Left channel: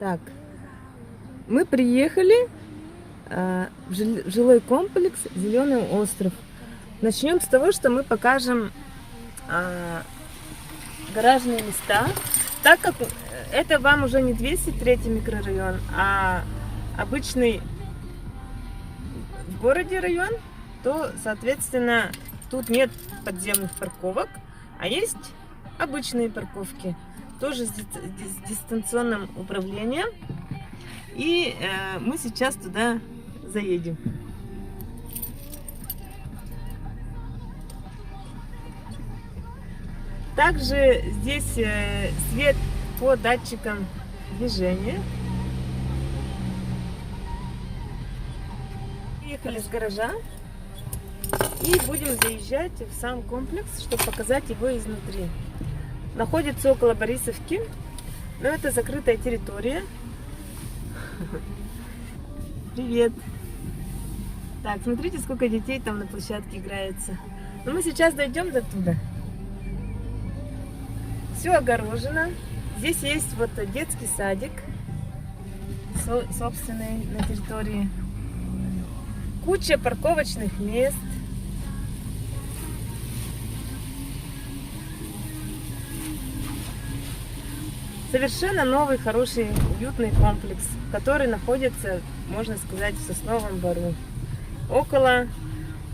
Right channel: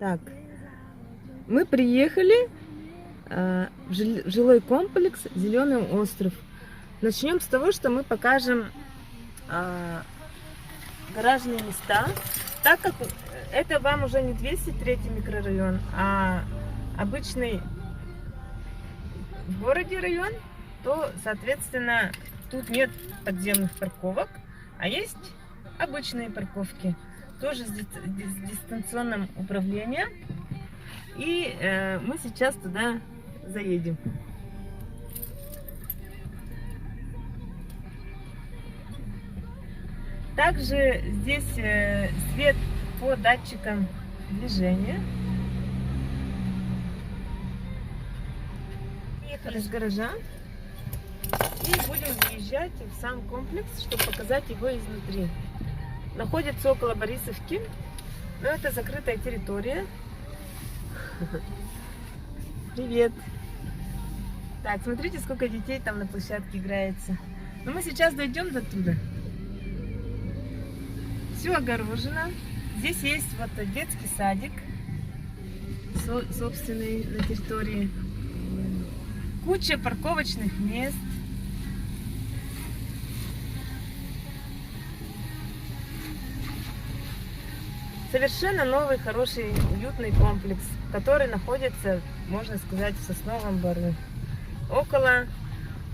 Так, мы приехали в жилой комплекс Зеленый остров. Начнем с того, что мы покажем гаражные места. Так как это вам уже не 203 микрорайон, а обычный в городе район, то, соответственно, тут нет подземных парковок, а есть обычные парковки, тоже с дистанционным управлением. И мы сейчас туда заедем. Также здесь свет по датчикам движения. Приехали с гаража и будем заезжать в сам комплекс, чтобы показать его изнутри. Находится около Борисовки, но это закрытая территория. Привет! Так, смотрите, сколько детей там на площадке играется. Но мы сейчас дойдем до туда. Все огорожено. Здесь есть вот детский садик, собственный на территории. Куча парковочных мест. Совершенно новый, хороший, уютный комплекс, который находится, можно сказать, в Сосновом Бору. Около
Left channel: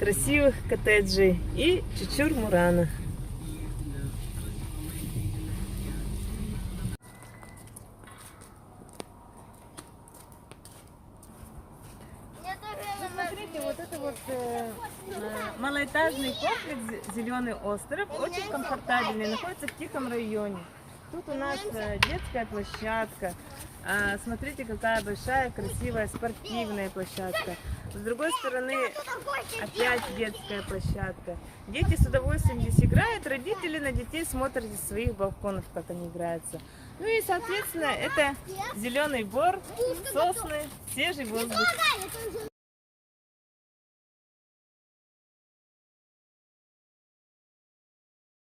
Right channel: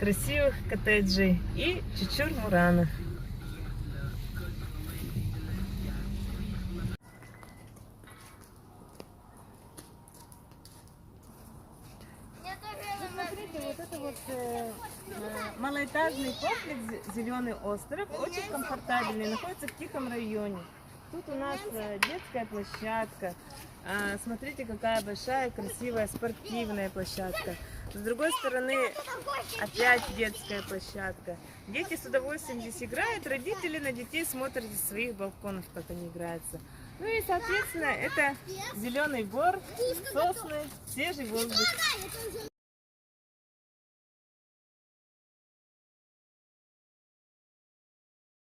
красивых коттеджей и Чучур-Мурана. Смотрите, вот это вот малоэтажный комплекс Зеленый остров, очень комфортабельный, находится в тихом районе. Тут у нас детская площадка. Смотрите, какая большая, красивая, спортивная площадка. С другой стороны, опять детская площадка. Дети с удовольствием здесь играют, родители на детей смотрят из своих балконов, как они играются. Ну и, соответственно, это Зеленый Бор, сосны, свежий воздух.